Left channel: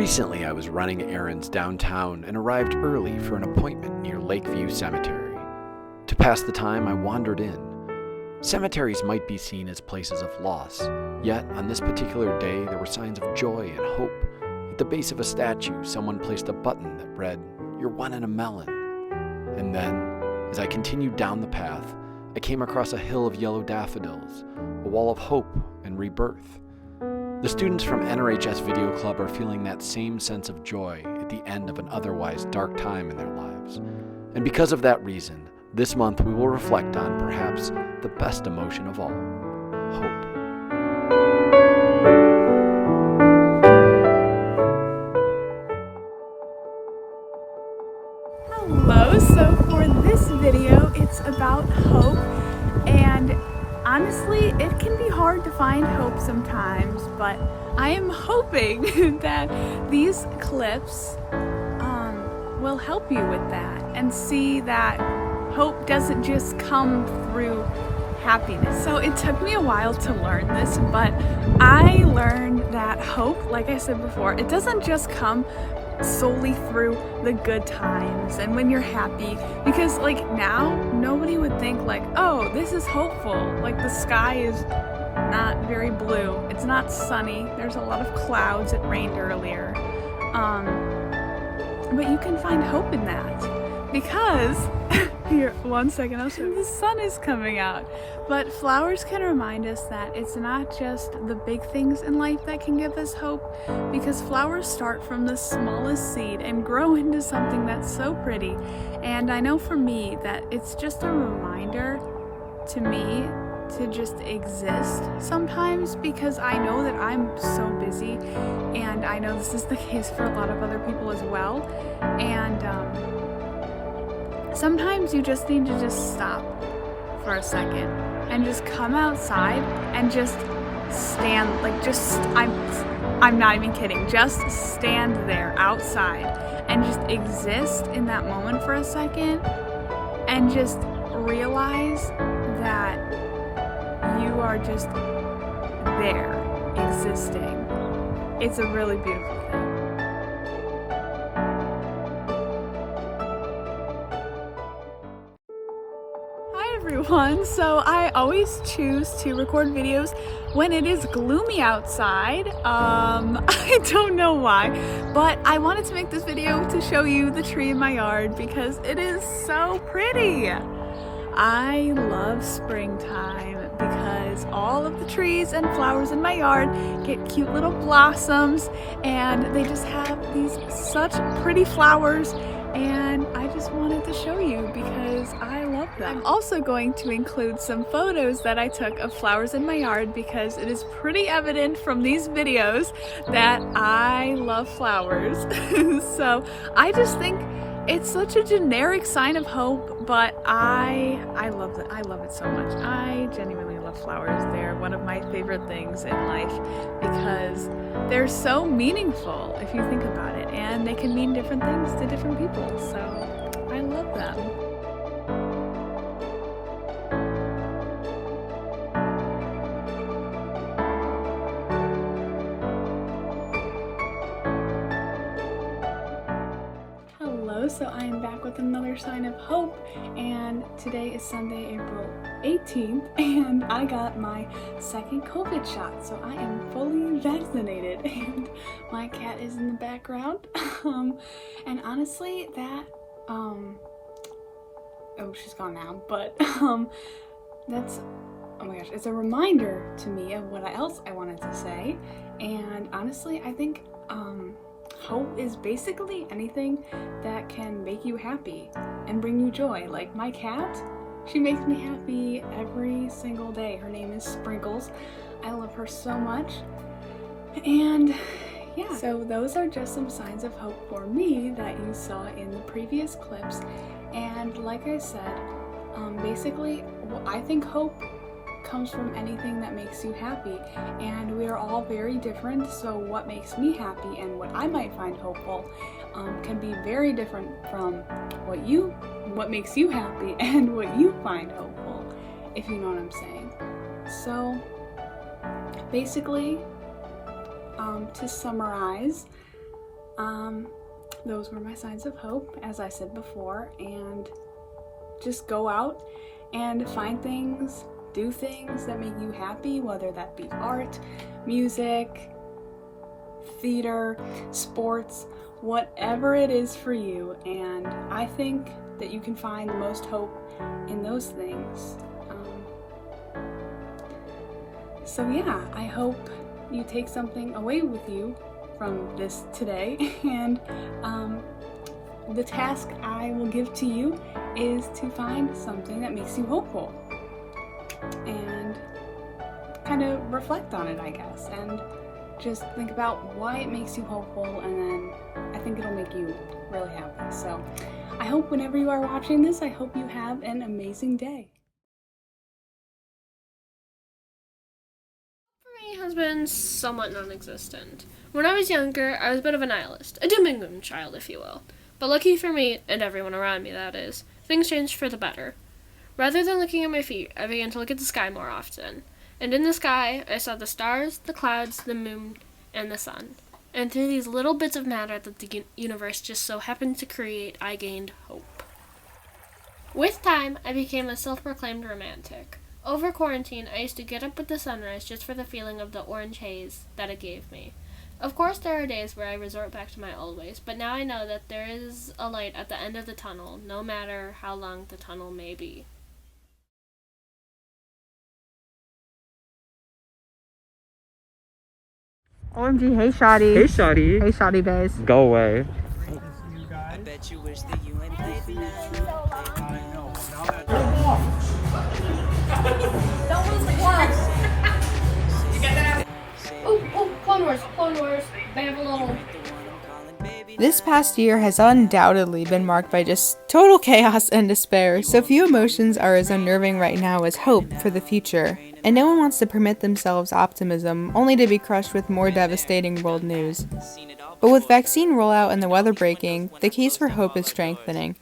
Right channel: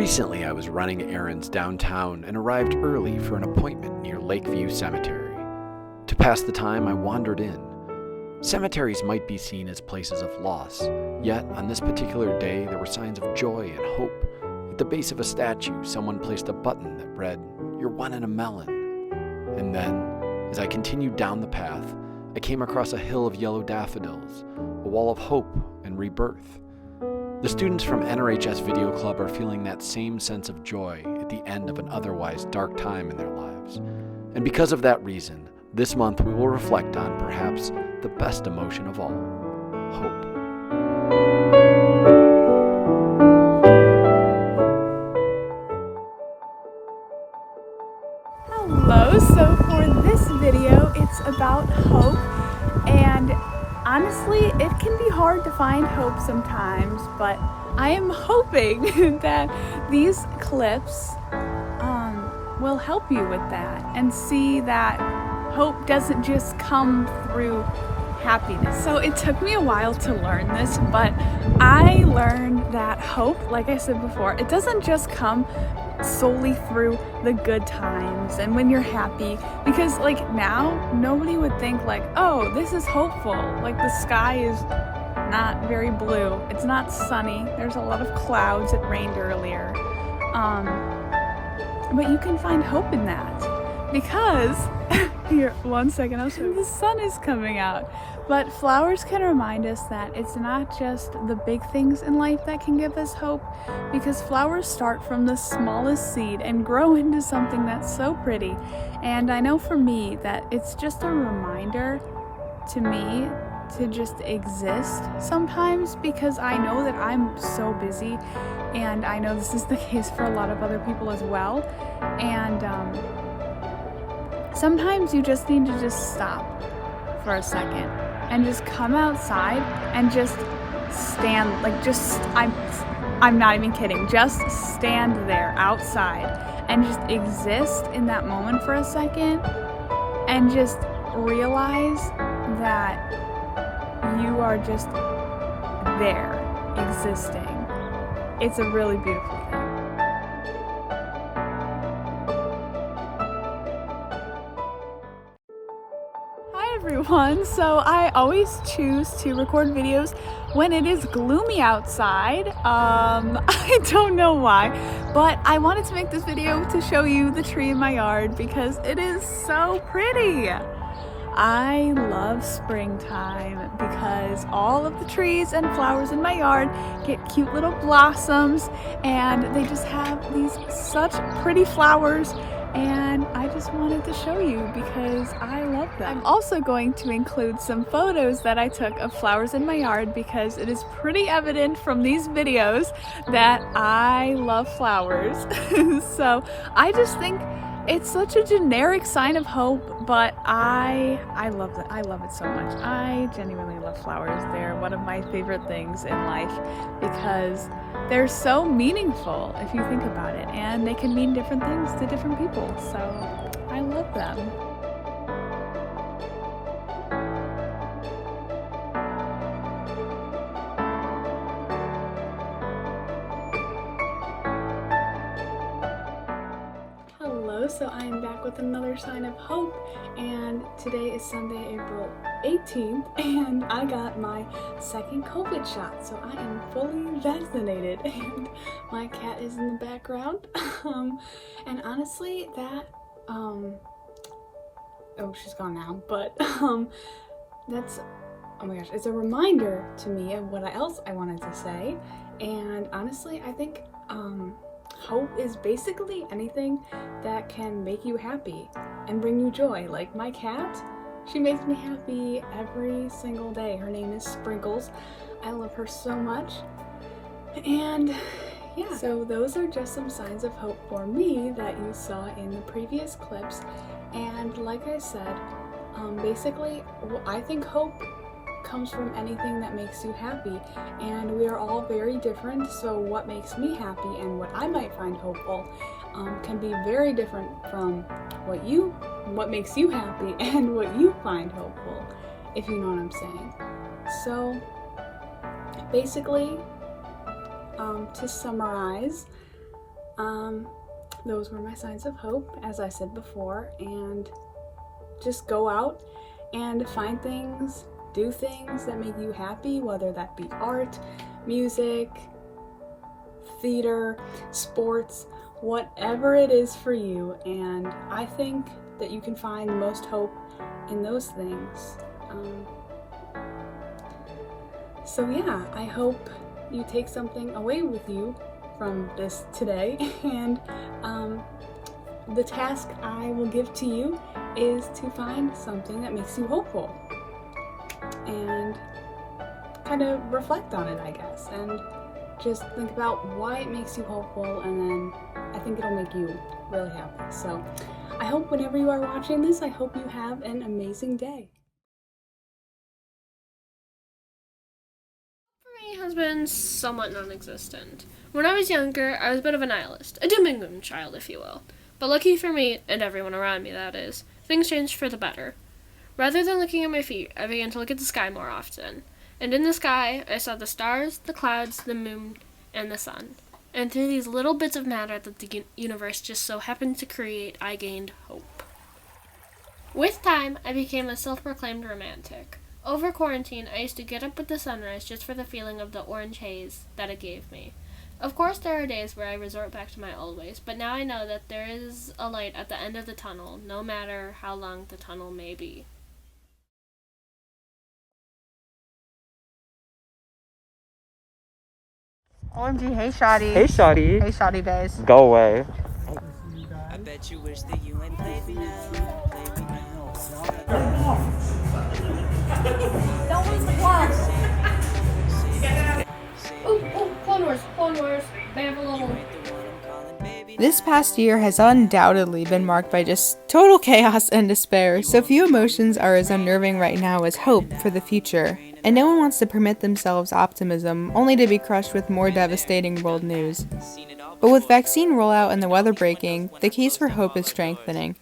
Recently, I was running errands downtown and arrived early for an appointment near Lakeview Cemetery. To pass the time, I wandered in. Cemeteries might be seen as places of loss, yet on this particular day there were signs of joy and hope. At the base of a statue, someone placed a button that read, "You're one in a melon." And then, as I continued down the path, I came across a hill of yellow daffodils, a wall of hope and rebirth. The students from NRHS Video Club are feeling that same sense of joy at the end of an otherwise dark time in their lives. And because of that reason, this month we will reflect on perhaps the best emotion of all, hope. Hello, so for this video it's about hope, and honestly it can be hard to find hope sometimes, but I am hoping that these clips will help you with that and see that hope doesn't just come through happiness. So it took me a while to learn this, but I learned that hope, like I said before, it doesn't just come solely through the good times and when you're happy, because like now nobody would think like, oh, this is hopeful, like the sky is not very blue, it's not sunny, there's a lot of clouds, it rained earlier, but you can find hope in that because here, one second, the sun is coming out. But flowers can remind us that it's not just the big things in life that can give us hope, because flowers start from the smallest seed and grow into something that's so pretty. And I know for me that it's just a reminder to me to just exist sometimes, because I know that I'm so busy, and I know this is the case for a lot of other people as well. And sometimes you just need to just stop for a second and just come outside and just stand, like just, I'm not even kidding, just stand there outside and just exist in that moment for a second and just realize that you are just there, existing. It's a really beautiful thing. Everyone, so I always choose to record videos when it is gloomy outside. I don't know why, but I wanted to make this video to show you the tree in my yard because it is so pretty. I love springtime because all of the trees and flowers in my yard get cute little blossoms, and they just have these such pretty flowers. And I just wanted to show you because I love them. I'm also going to include some photos that I took of flowers in my yard because it is pretty evident from these videos that I love flowers. So I just think it's such a generic sign of hope, but I love it. I love it so much. I genuinely love flowers. They're one of my favorite things in life because they're so meaningful if you think about it, and they can mean different things to different people, so I love them. Hello, so I am back with another sign of hope, and today is Sunday, April 18th, and I got my second COVID shot, so I am fully vaccinated, and my cat is in the background. And honestly, that oh, she's gone now, but that's, oh my gosh, it's a reminder to me of what else I wanted to say. And honestly, I think hope is basically anything that can make you happy and bring you joy. Like my cat, she makes me happy every single day. Her name is Sprinkles. I love her so much. And yeah, so those are just some signs of hope for me that you saw in the previous clips. And like I said, basically I think hope comes from anything that makes you happy, and we are all very different, so what makes me happy and what I might find hopeful can be very different from what makes you happy and what you find hopeful, if you know what I'm saying. So basically, to summarize, Those were my signs of hope, as I said before, and just go out and find things, do things that make you happy, whether that be art, music, theater, sports, whatever it is for you. And I think that you can find the most hope in those things. So yeah, I hope you take something away with you from this today, and the task I will give to you is to find something that makes you hopeful and kind of reflect on it, I guess, and just think about why it makes you hopeful, and then I think it'll make you really happy. So I hope whenever you are watching this, I hope you have an amazing day. Has been somewhat non-existent. When I was younger, I was a bit of a nihilist, a doom and gloom child, if you will. But lucky for me, and everyone around me that is, things changed for the better. Rather than looking at my feet, I began to look at the sky more often. And in the sky, I saw the stars, the clouds, the moon, and the sun. And through these little bits of matter that the universe just so happened to create, I gained hope. With time, I became a self-proclaimed romantic. Over quarantine, I used to get up with the sunrise just for the feeling of the orange haze that it gave me. Of course, there are days where I resort back to my old ways, but now I know that there is a light at the end of the tunnel, no matter how long the tunnel may be. OMG, hey Shotty. Hey, Shotty. Hey Shotty Bays. Go away. I bet you wish that you ain't played me now. Played me now. Clone Wars, Babylon. This past year has undoubtedly been marked by just total chaos and despair, so few emotions are as unnerving right now as hope for the future. And no one wants to permit themselves optimism, only to be crushed with more devastating world news. But with vaccine rollout and the weather breaking, the case for hope is strengthening.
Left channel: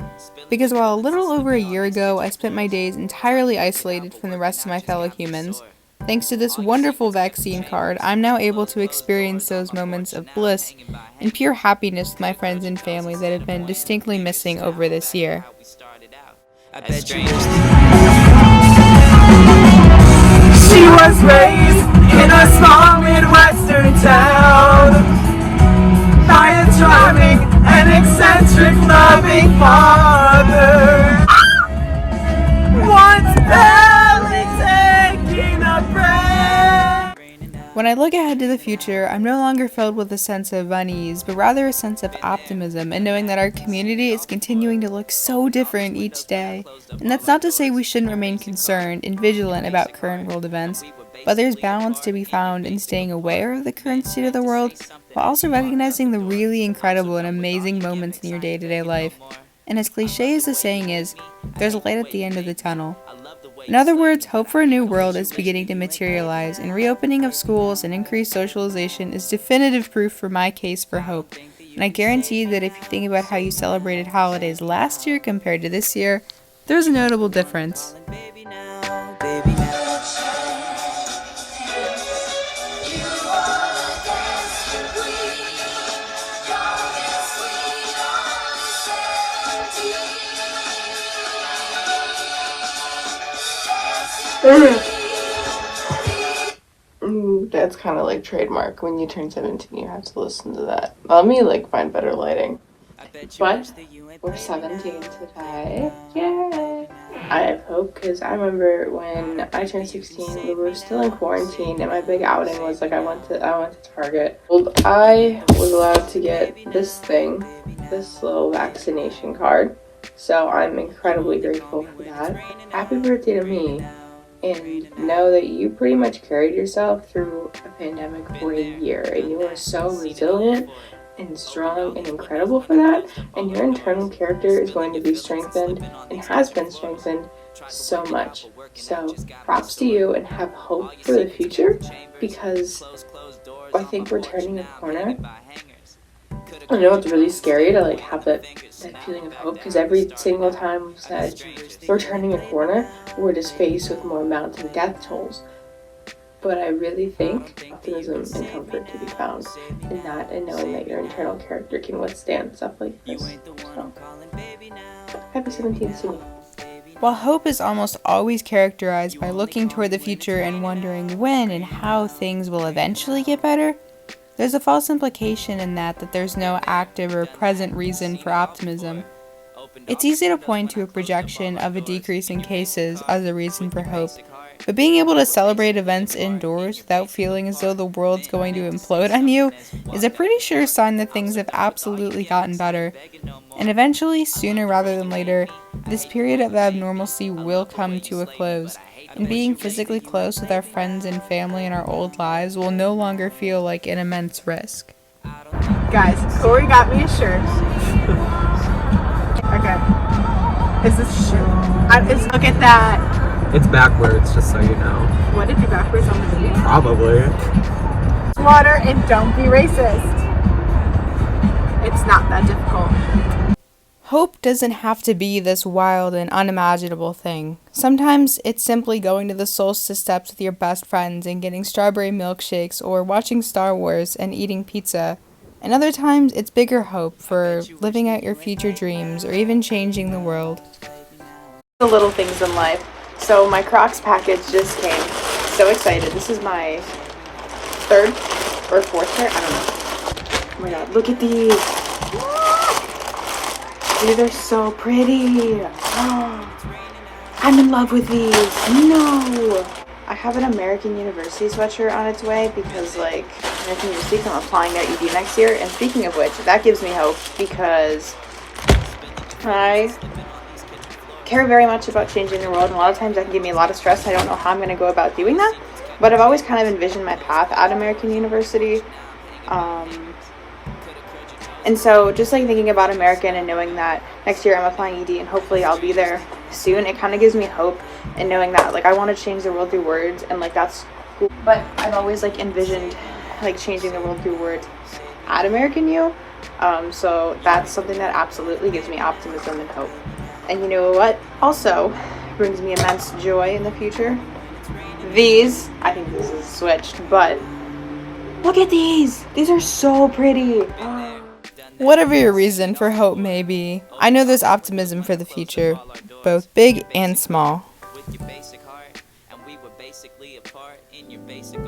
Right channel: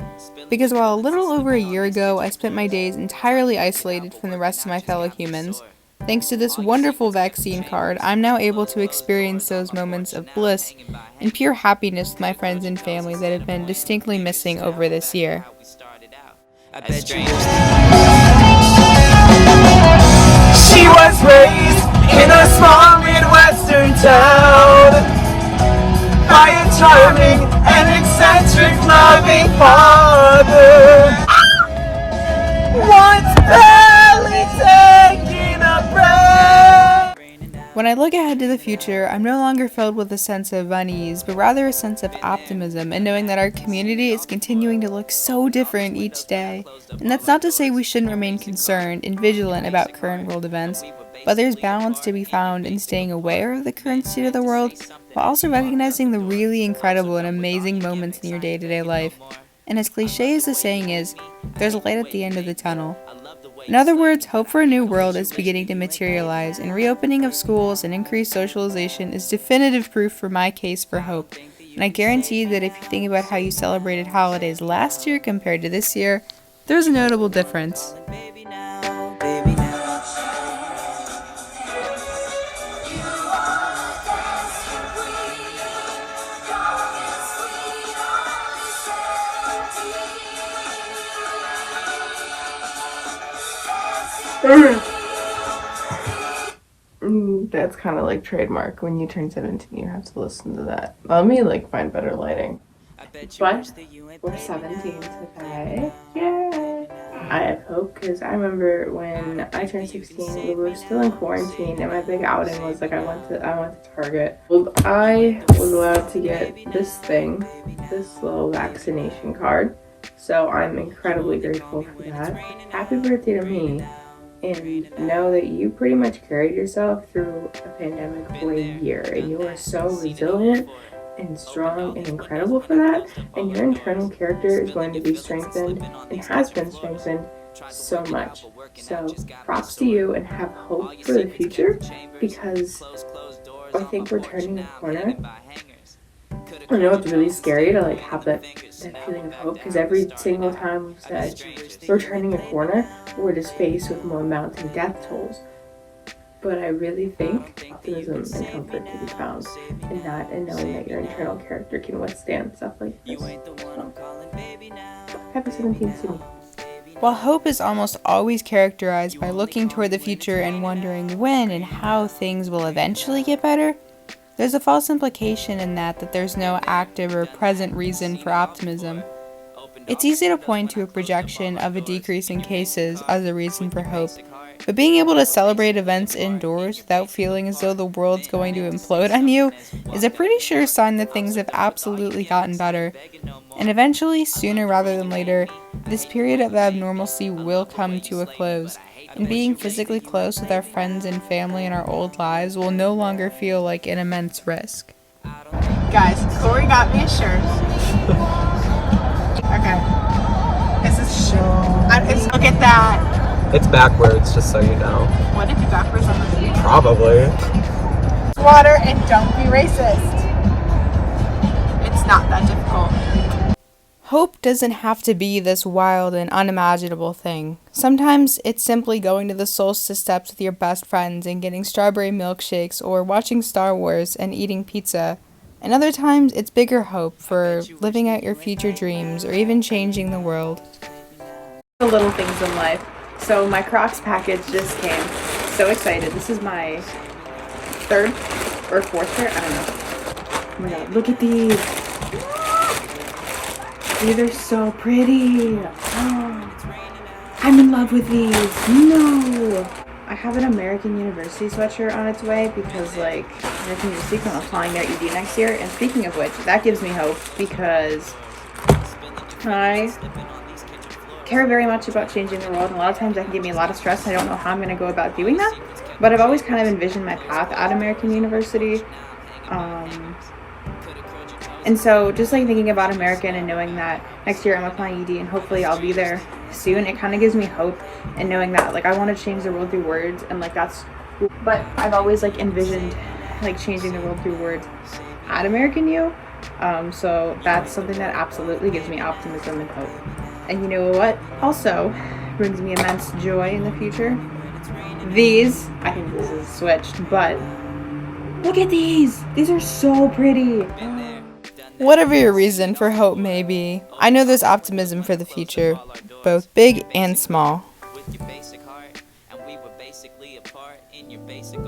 Because while a little over a year ago I spent my days entirely isolated from the rest of my fellow humans, thanks to this wonderful vaccine card, I'm now able to experience those moments of bliss and pure happiness with my friends and family that have been distinctly missing over this year. I bet you wish She was raised in a small Midwestern town by a charming and eccentric loving father. Once barely taking a breath. When I look ahead to the future, I'm no longer filled with a sense of unease, but rather a sense of optimism and knowing that our community is continuing to look so different each day. And that's not to say we shouldn't remain concerned and vigilant about current world events, but there's balance to be found in staying aware of the current state of the world, while also recognizing the really incredible and amazing moments in your day-to-day life. And as cliche as the saying is, there's a light at the end of the tunnel. In other words, hope for a new world is beginning to materialize, and reopening of schools and increased socialization is definitive proof for my case for hope. And I guarantee that if you think about how you celebrated holidays last year compared to this year, there's a notable difference. baby now, baby now. That's kind of like trademark. When you turn 17, you have to listen to that. Let me find better lighting. I bet you What? wish that you ain't We're played me 17 now. today. Yeah. I have hope because I remember when I turned 16, we were still in quarantine, and my big outing was I went to Target. Well, I was allowed to get this little vaccination card. So I'm incredibly grateful for that. Happy birthday to me. And know that you pretty much carried yourself through a pandemic for a year, and you were so resilient and strong and incredible for that, and your internal character is going to be strengthened and has been strengthened so much. So props to you, and have hope for the future, because I think we're turning a corner. I know it's really scary to have that feeling of hope, because every single time we've said we're turning a corner, we're just faced with more mounting death tolls. But I really think optimism and comfort can be found in that and knowing that your internal character can withstand stuff like this. So, happy 17 soon. While hope is almost always characterized by looking toward the future and wondering when and how things will eventually get better, there's a false implication in that there's no active or present reason for optimism. It's easy to point to a projection of a decrease in cases as a reason for hope, but being able to celebrate events indoors without feeling as though the world's going to implode on you is a pretty sure sign that things have absolutely gotten better. And eventually, sooner rather than later, this period of abnormalcy will come to a close, and being physically close with our friends and family in our old lives will no longer feel like an immense risk. Guys, Corey got me a shirt. Okay. Look at that. It's backwards, just so you know. What if you backwards on the video? Probably. Water and don't be racist. It's not that difficult. Hope doesn't have to be this wild and unimaginable thing. Sometimes it's simply going to the solstice steps with your best friends and getting strawberry milkshakes or watching Star Wars and eating pizza. And other times it's bigger hope for living out your future dreams or even changing the world. The little things in life. So my Crocs package just came. So excited. This is my third or fourth pair. I don't know. Oh my god, look at these. These are so pretty. Oh, I'm in love with these. No. I have an American University sweatshirt on its way because, like, American University, I'm applying at UD next year. And speaking of which, that gives me hope because I care very much about changing the world, and a lot of times that can give me a lot of stress. I don't know how I'm going to go about doing that, but I've always kind of envisioned my path at American University. And so just like thinking about American and knowing that next year I'm applying ED and hopefully I'll be there soon, it kind of gives me hope, and knowing that like I want to change the world through words, and like that's cool. But I've always like envisioned like changing the world through words at American U. So that's something that absolutely gives me optimism and hope. And you know what also brings me immense joy in the future? These, I think this is switched, but look at these! These are so pretty! Whatever your reason for hope may be, I know there's optimism for the future, both big and small. With your basic heart, and we were basically apart in your basic